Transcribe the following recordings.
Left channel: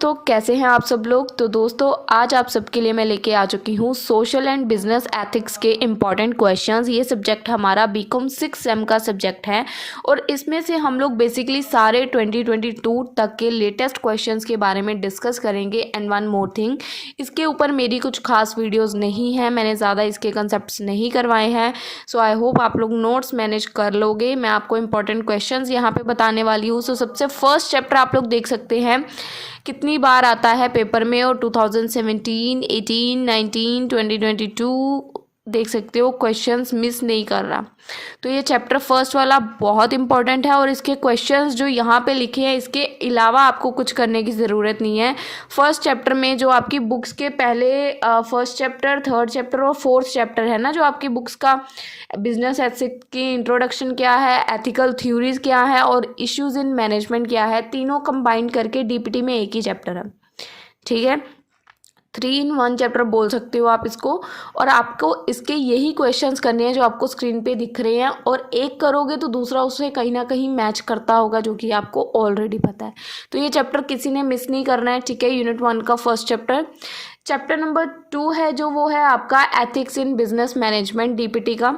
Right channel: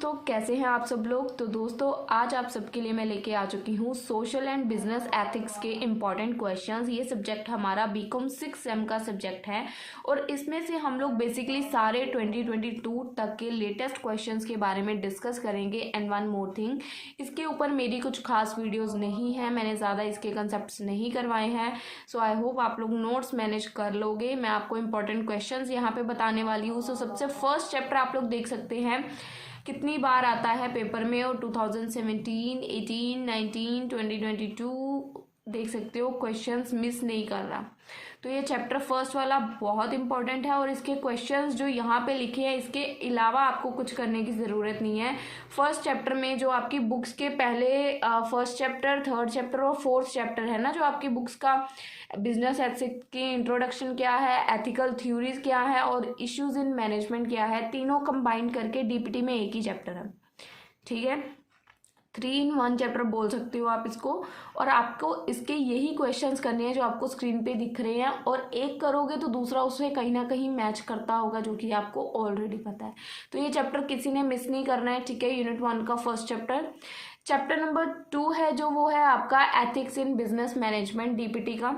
दोस्तों, कैसे हैं आप सब लोग। तो दोस्तों, आज आप सबके लिए मैं लेके आ चुकी हूँ सोशल एंड बिजनेस एथिक्स के इम्पॉर्टेंट क्वेश्चंस। ये सब्जेक्ट हमारा बीकॉम 6 सेम का सब्जेक्ट है और इसमें से हम लोग बेसिकली सारे 2022 तक के लेटेस्ट क्वेश्चंस के बारे में डिस्कस करेंगे। एंड वन मोर थिंग, इसके ऊपर मेरी कुछ खास वीडियोज़ नहीं है, मैंने ज़्यादा इसके कंसेप्ट नहीं करवाए हैं। सो आई होप आप लोग नोट्स मैनेज कर लोगे। मैं आपको इंपॉर्टेंट क्वेश्चंस यहाँ पे बताने वाली हूँ। सो सबसे फर्स्ट चैप्टर आप लोग देख सकते हैं कितनी बार आता है पेपर में, और 2017, 18, 19, 2022 देख सकते हो क्वेश्चंस मिस नहीं कर रहा। तो ये चैप्टर फर्स्ट वाला बहुत इंपॉर्टेंट है और इसके क्वेश्चंस जो यहाँ पे लिखे हैं, इसके अलावा आपको कुछ करने की ज़रूरत नहीं है। फर्स्ट चैप्टर में जो आपकी बुक्स के पहले फर्स्ट चैप्टर, थर्ड चैप्टर और फोर्थ चैप्टर है ना, जो आपकी बुक्स का बिजनेस एथिक्स की इंट्रोडक्शन क्या है, एथिकल थ्योरीज क्या है और इश्यूज इन मैनेजमेंट क्या है, तीनों कंबाइन करके डीपीटी में एक ही चैप्टर है। ठीक है, 3 in 1 चैप्टर बोल सकते हो आप इसको। और आपको इसके यही क्वेश्चंस करने हैं जो आपको स्क्रीन पे दिख रहे हैं, और एक करोगे तो दूसरा उससे कहीं ना कहीं मैच करता होगा, जो कि आपको ऑलरेडी पता है। तो ये चैप्टर किसी ने मिस नहीं करना है। ठीक है, यूनिट 1 का फर्स्ट चैप्टर। चैप्टर नंबर 2 है जो वो है आपका ethics in business management, DPT का।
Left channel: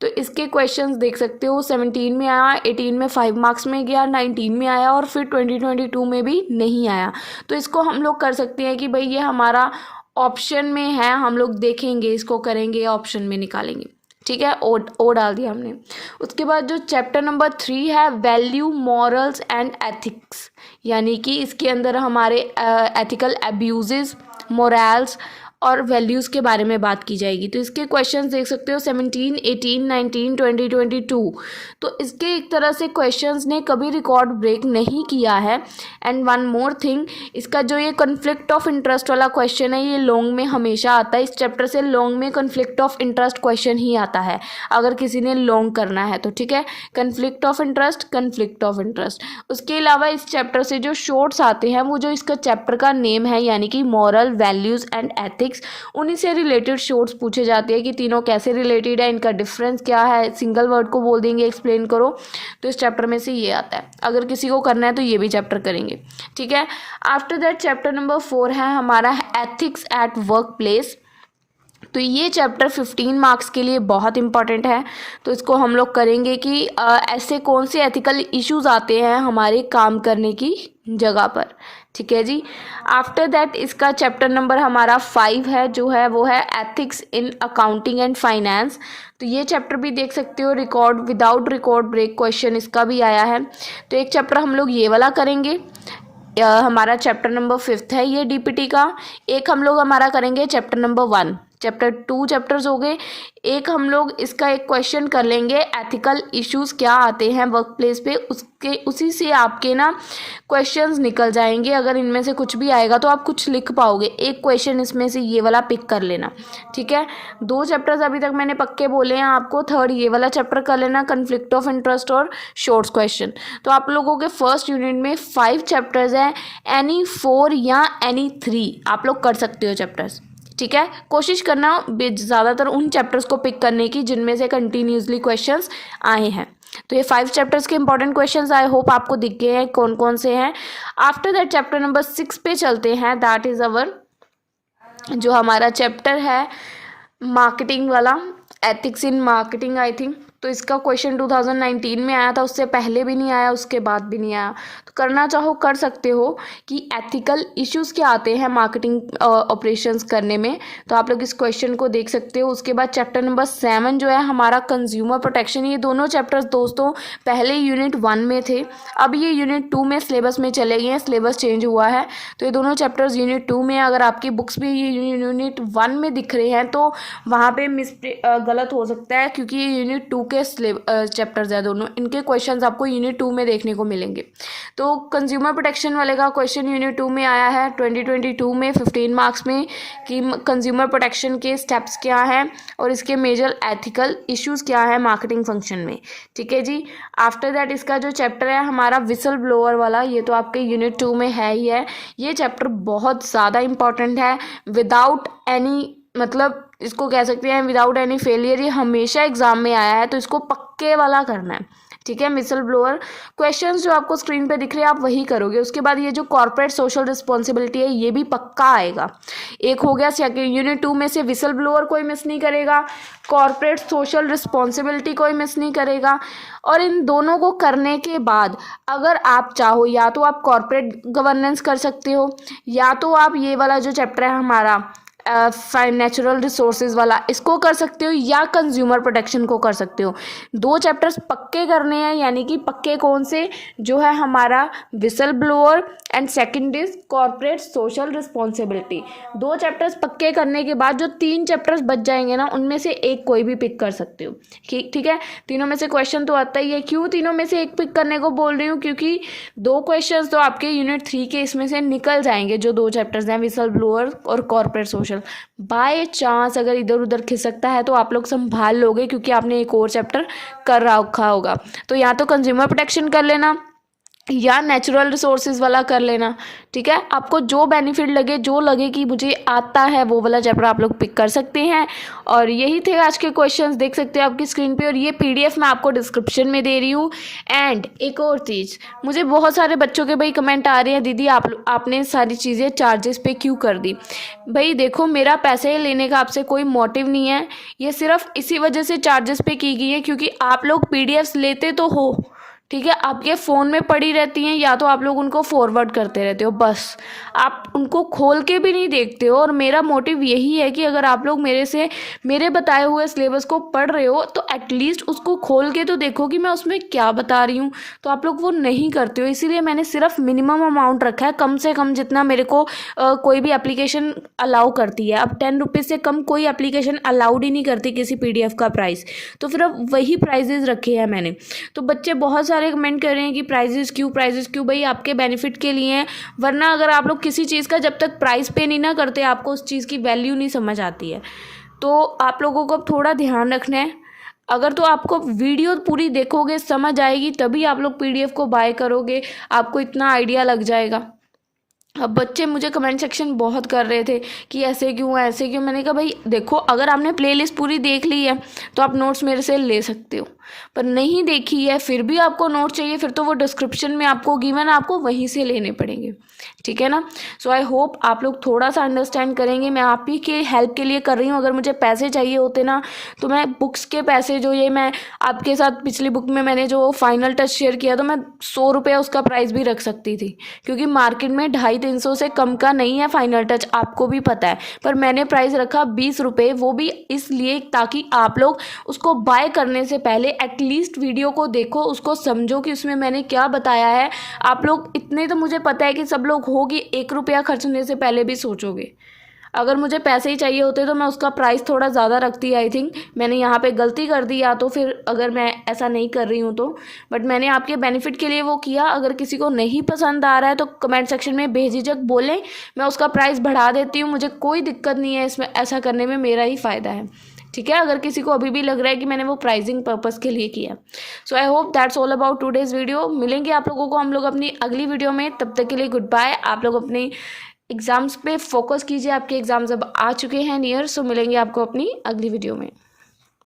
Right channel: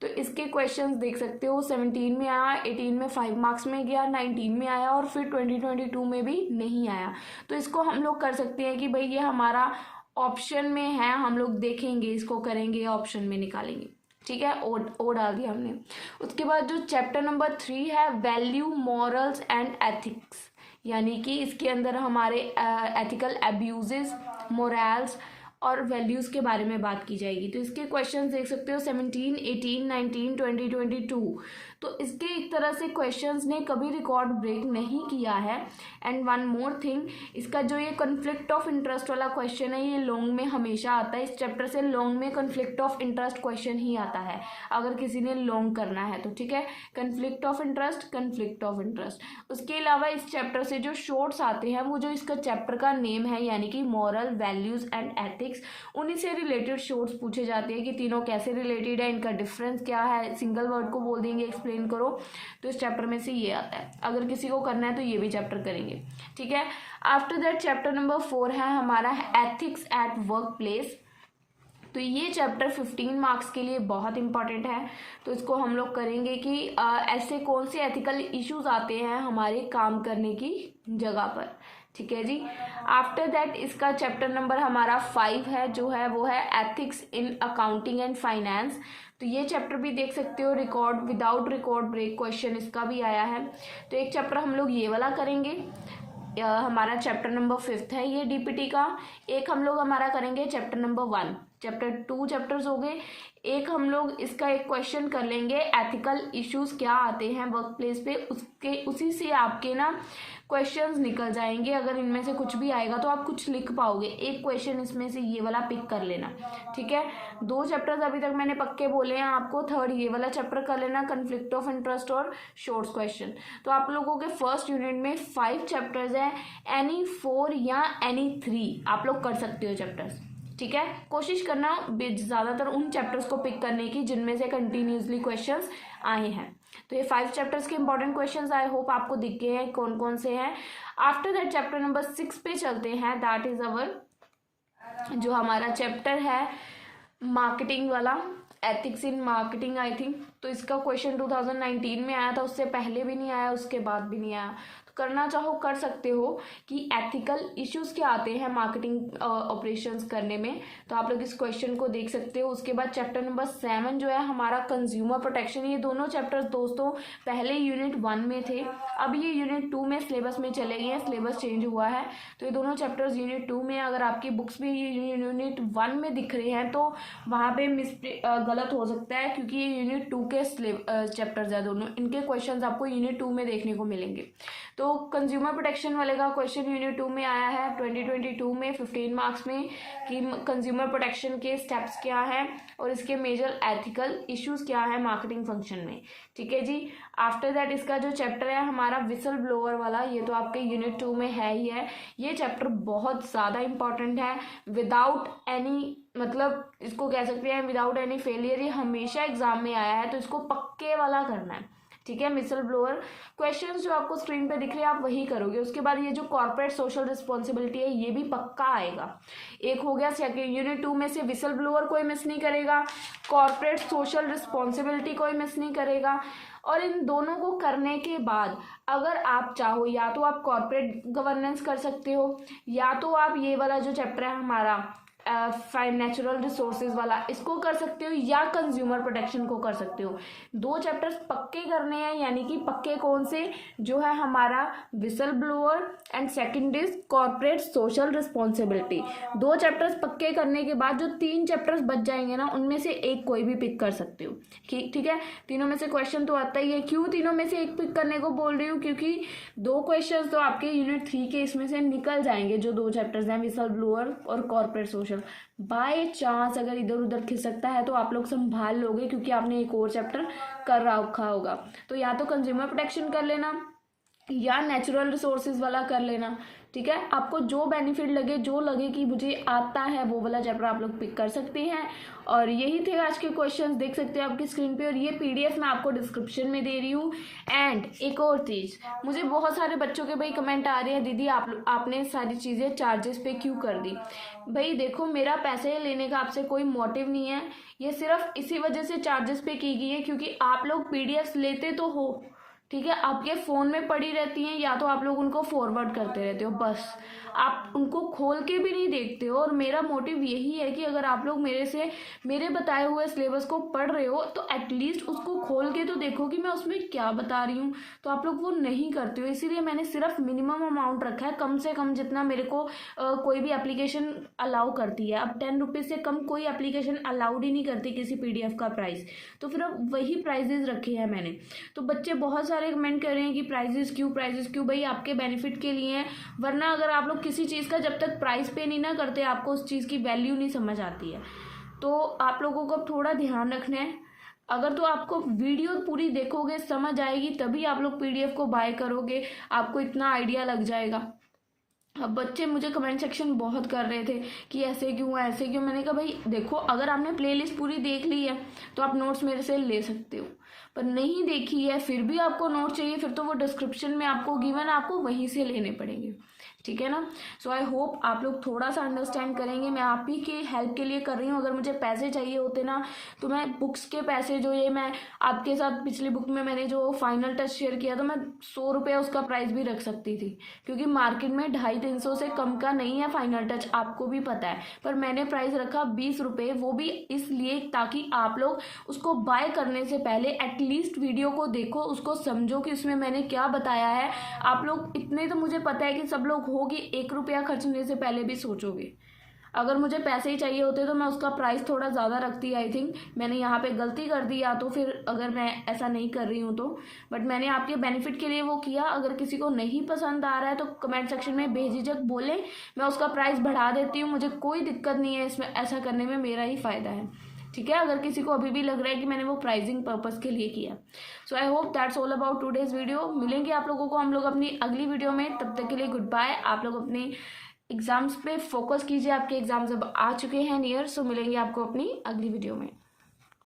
तो इसके क्वेश्चंस देख सकते हो 17 में आया, 18 में 5 मार्क्स में गया, 19 में आया और फिर 2022 में भी नहीं आया। तो इसको हम लोग कर सकते हैं कि भाई ये हमारा ऑप्शन में है, हम लोग देखेंगे, इसको करेंगे, ऑप्शन में निकालेंगे। ठीक है, ओ डाल दिया हमने। उसके बाद जो चैप्टर नंबर 3 है, वैल्यू, मॉरल्स एंड एथिक्स, यानी कि इसके अंदर हमारे एथिकल एब्यूजेस, मोरल्स और वैल्यूज़ के बारे में बात की जाएगी। तो इसके क्वेश्चंस देख सकते हो 17, 18, 19, 2022। तो इसके एक तरह से क्वेश्चंस ने कभी रिकॉर्ड ब्रेक नहीं किया है। एंड वन मोर थिंग, इसका जो ये कन्फ्लिक्ट ऑफ इंटरेस्ट वाला क्वेश्चन है, ये लॉन्ग में हमेशा आता है। इस चैप्टर से लॉन्ग में कन्फ्लिक्ट ऑफ इंटरेस्ट क्वेश्चन ही आता है अगर किसी ने लॉन्ग करना है तो। ठीक है, conflict of interest, conflict of interest. उसके अलावा इस चैप्टर से जो शॉर्ट्स आते हैं, वो जो इसका चैप्टर का नेम है, यानी कि मॉरल, वैल्यूज़ एंड एथिक्स, उन्हीं से रिलेटेड शॉर्ट्स पूछे जाते हैं कि तीनों कैसे रिलेटेड है, इनका डिफरेंस क्या है, सिंगल वर्ड को बोल देंगे एक्सप्लेन करो। तो इस चैप्टर में से ये आता है। अगर किसी को करना है तो ये भी चैप्टर करेंगे। ठीक है, आफ्टर दैट चैप्टर नंबर 4 है हमारा एथिक्स एट वर्क प्लेस। तो ये चैप्टर 15 मार्क्स के लिए बहुत इंपॉर्टेंट है। तो इसको हम लोग करेंगे कि ऐसे कौन से एथिकल इश्यूज आते हैं हमारे काम करने की जगह पर। ठीक है जी। आफ्टर दैट इसका चैप्टर नंबर हमारा 5 है, जो है वो है ethics in accounting and finance. तो ये चैप्टर भी देख सकते हो, record without record break question इसका भी आया है। तो एक चैप्टर हम लोग ये वाला करेंगे, हमारा चैप्टर नंबर 5 है ये डीपीटी का। एक हम लोग हमारा करेंगे चैप्टर नंबर 1। चैप्टर 2 चैप्टर्स हो गए। एक हम लोग इसका एक क्वेश्चन कर लेंगे, एथिकल इश्यूज क्या आते हैं वर्क प्लेस पे, उसके उसी से आपके ना क्वेश्चंस निकल जाएंगे। अगर इनमें से कुछ भी आएगा तो आप कुछ लिख पाओगे। एक क्वेश्चन इसमें से ये वाला पिक कर लेना। ठीक है, 2 चैप्टर्स अभी तक मैंने पक्के बोले हैं आपको। थर्ड ये वाला चैप्टर कर लेना, कन्फ्लिक्ट ऑफ इंटरेस्ट और शॉर्ट्स क्वेश्चन। तो आप लोगों के फर्स्ट यूनिट में 5 चैप्टर्स हैं, एनी 4 या एनी 3 आप लोग कर सकते हो चैप्टर्स। ठीक है, कोशिश करना ज़्यादातर उन चैप्टर्स को पिक करने की जिनमें से कंटिन्यूसली क्वेश्चंस आए हैं। तो ये 5 चैप्टर्स के इंपॉर्टेंट क्वेश्चंस आई होप आपको दिख गए हैं कौन कौन से हैं। आफ्टर दैट चैप्टर नंबर 6 पे चलते हैं। दैट इज़ अवर जो हमारा चैप्टर है मार्केटिंग वाला, ethics in marketing I think. तो इसका क्वेश्चन 2019 में आया था, उससे पहले भी नहीं आया, उसके बाद भी नहीं आया। तो करना चाहो कर सकते हो कि एथिकल इश्यूज़ क्या आते हैं मार्केटिंग ऑपरेशंस करने में। तो आप लोग इस क्वेश्चन को देख सकते हो। उसके बाद चैप्टर नंबर 7 जो है हमारा कंज्यूमर प्रोटेक्शन। ये दोनों चैप्टर्स दोस्तों पहले यूनिट 1 में थे, अब ये यूनिट 2 में सिलेबस में चले गए हैं, सिलेबस चेंज हुआ है। तो ये दोनों चैप्टर्स यूनिट 2 में, अगर आपकी बुक्स भी यूनिट 1 में दिख रहे हैं तो वहाँ पे गलत हो सकता है, क्योंकि ये यूनिट 2 के चैप्टर्स है दोनों। इनके क्वेश्चंस आपको यूनिट 2 में देखने को मिलेंगे। तो कंज्यूमर प्रोटेक्शन वाले का क्वेश्चन यूनिट 2 में आया है 2022 में 15 मार्क्स में, कि कंज्यूमर प्रोटेक्शन के स्टेप्स क्या हैं और इसके मेजर एथिकल इश्यूज क्या है मार्केटिंग फंक्शन में। ठीक है जी। आफ्टर दैट इसका जो चैप्टर है हमारा विसल ब्लोअर वाला, ये तो आपके यूनिट 2 में है ही है। ये चैप्टर बहुत ज़्यादा इंपॉर्टेंट है, विदाउट एनी, मतलब इसको कह सकते हैं विदाउट एनी फेलियर, ये हमेशा एग्जाम में आया है। तो इसको पक्के वाला करना है। ठीक है। विसल ब्लोअर क्वेश्चंस जो आपको स्क्रीन पे दिख रहे हैं आप वही करोगे। उसके बाद ये जो कॉर्पोरेट सोशल रिस्पॉन्सिबिलिटी है ये भी पक्का आएगा। एक हो गया सेकंड यूनिट 2 में से विसल ब्लोअर कोई मिस नहीं करेगा, कॉर्पोरेट सोशल रिस्पॉन्सिबिलिटी कोई मिस नहीं करेगा। और इन दोनों को करने के बाद अगर आप चाहो या तो आप कॉर्पोरेट गवर्नेंस कर सकते हो, या तो आप ये वाला जो चैप्टर है हमारा नेचुरल रिसोर्सेज वाला इसको कर सकते हो, या कंज्यूमर प्रोटेक्शन को कर सकते हो। दो चैप्टर्स पक्के करने हैं, यानी कि पक्के कौन से, जो है हमारा whistle blower and second is corporate social responsibility. दो चैप्टर्स पक्के करने के बाद जो 3 चैप्टर्स बच जाएंगे ना, उनमें से एक कोई भी पिक कर सकते हो। ठीक है। तीनों में से क्वेश्चन तो आता ही है। क्यों तीनों में से एक पिक करने को बोल रही हूँ, क्योंकि 2 क्वेश्चन तो आपके यूनिट 3 के इसमें से निकल जाएंगे, जो 2 चैप्टर्स हैं विसल ब्लोअर और कॉर्पोरेट सोशल। बाय चांस अगर इधर उधर खिसकता है तो आप लोग संभाल लोगे, क्योंकि आपने एक और चैप्टर कर रखा होगा। तो या तो कंज्यूमर प्रोटेक्शन कर लेना या नेचुरल रिसोर्सेज वाला कर लेना। ठीक है। आपको जो बेनिफिट लगे, जो लगे कि मुझे आता है, वो वाला चैप्टर आप लोग पिक कर सकते हैं। और यही थे आज के क्वेश्चंस, देख सकते हो आपकी स्क्रीन पे। और ये पीडीएफ मैं आपको डिस्क्रिप्शन में दे रही हूँ। एंड एक और चीज़, मुझे बहुत सारे बच्चों के भाई कमेंट आ रहे हैं, दीदी आपने सारी चीज़ें चार्जेस पे क्यों कर दी। भाई देखो, मेरा पैसे लेने का आपसे कोई मोटिव नहीं है, ये सिर्फ इसी वजह से चार्जेस पे की गई है क्योंकि आप लोग पीडीएफ्स लेते तो हो, ठीक है, आपके फ़ोन में पड़ी रहती हैं, या तो आप लोग उनको फॉरवर्ड करते रहते हो, बस आप उनको खोल के भी नहीं देखते हो। और मेरा मोटिव यही है कि अगर आप लोग मेरे बताए हुए सिलेबस को पढ़ रहे हो तो एटलीस्ट उसको खोल के तो देखो कि मैं उसमें क्या बता रही हूँ। तो आप लोग वो नहीं करते हो, इसीलिए मैंने सिर्फ मिनिमम अमाउंट रखा है, कम से कम जितना मेरे को कोई भी एप्लीकेशन अलाउ करती है। अब 10 रुपीज़ से कम कोई एप्लीकेशन अलाउड ही नहीं करती किसी पीडीएफ का प्राइस, तो फिर अब वही प्राइजेज रखे हैं मैंने। तो बच्चे बहुत सारे कमेंट कर रहे हैं कि प्राइजेस क्यों। भाई आपके बेनिफिट के लिए हैं, वरना अगर आप लोग किसी चीज़ का जब तक प्राइस पे नहीं ना करते आपको उस चीज़ की वैल्यू नहीं समझ आती है। तो आप लोगों को अब थोड़ा ध्यान रखना है। अगर तो आपको वीडियो पूरी देखोगे, समझ आएगी, तभी आप लोग पीडीएफ को बाय करोगे, आपको इतना आइडिया लग जाएगा। अब बच्चे मुझे कमेंट सेक्शन बहुत कर रहे थे कि ऐसे क्यों ऐसे क्यों। मैंने कहा भाई देखो, अगर आपने प्लेलिस्ट पूरी देख ली है तो आप नोट्स मेरे से ले सकते हो, पर नहीं देखी है फिर भी आपको नोट चाहिए, फिर तो वो डिस्क्रिप्शन में आपको गिवन, आपको वहीं से लेने पड़ेंगे। ठीक है ना। सो आई होप आप लोग थोड़ा सा अंडरस्टैंड करेंगे। मैं आप ही के हेल्प के लिए कर रही हूँ। अगर मुझे पैसे चाहिए होते ना, तो मैं बुक्स के पैसे जो ये मैं आपके साथ पिछली बुक में मैंने जो फाइनल टच शेयर किया, तो मैं 100 रुपये उसका प्राइस भी रख सकती थी, क्योंकि मार्केट में 250-300 से कम का नहीं है फाइनल टच, आपको भी पता है। पर मैंने प्राइस रखा 20 रुपये, वो भी इसलिए ताकि आप लोग उसको बाय करने से पहले एटलीस्ट वीडियो को देखो, उसको समझो कि उसमें मैंने क्या बताया है। आप लोग इतने तो मुझे पता है कि सब लोग होगी 1 रुपया खर्चने से पहले भी सोचोगे। अगर मुझे पैसे ही चाहिए होते तो मैं उसका प्राइस थोड़ा ज़्यादा रखती। आई थिंक मैंने यहाँ पे गलती कर दी, या तो फिर अगर मैं ऐसा नहीं कर रही हूँ तो, बट मैंने आपके बेनिफिट के लिए वो किया। अगर किसी को नहीं पसंद आ रहा है तो कमेंट सेक्शन में बेझिझक बोलें, मैं उसका प्राइस बढ़ा देती हूँ, मुझे कोई दिक्कत नहीं है इसमें, ऐसा करने में मेरा ही फ़ायदा है। ठीक है। अगर किसी को अभी भी लग रहा है कि मैंने वो प्राइसिंग पर्पज़ के लिए किया। So I hope that's all about today's video. मिलेंगे आप लोगों को हम लोग अपनी अगली वीडियो में, तब तक के लिए गुड बाय। आप लोग अपने एग्ज़ाम्स पे फोकस कीजिए, आपके एग्ज़ाम्स अब आ चुके हैं नियर। सो मिलेंगे आपको अपनी अगली वीडियो में।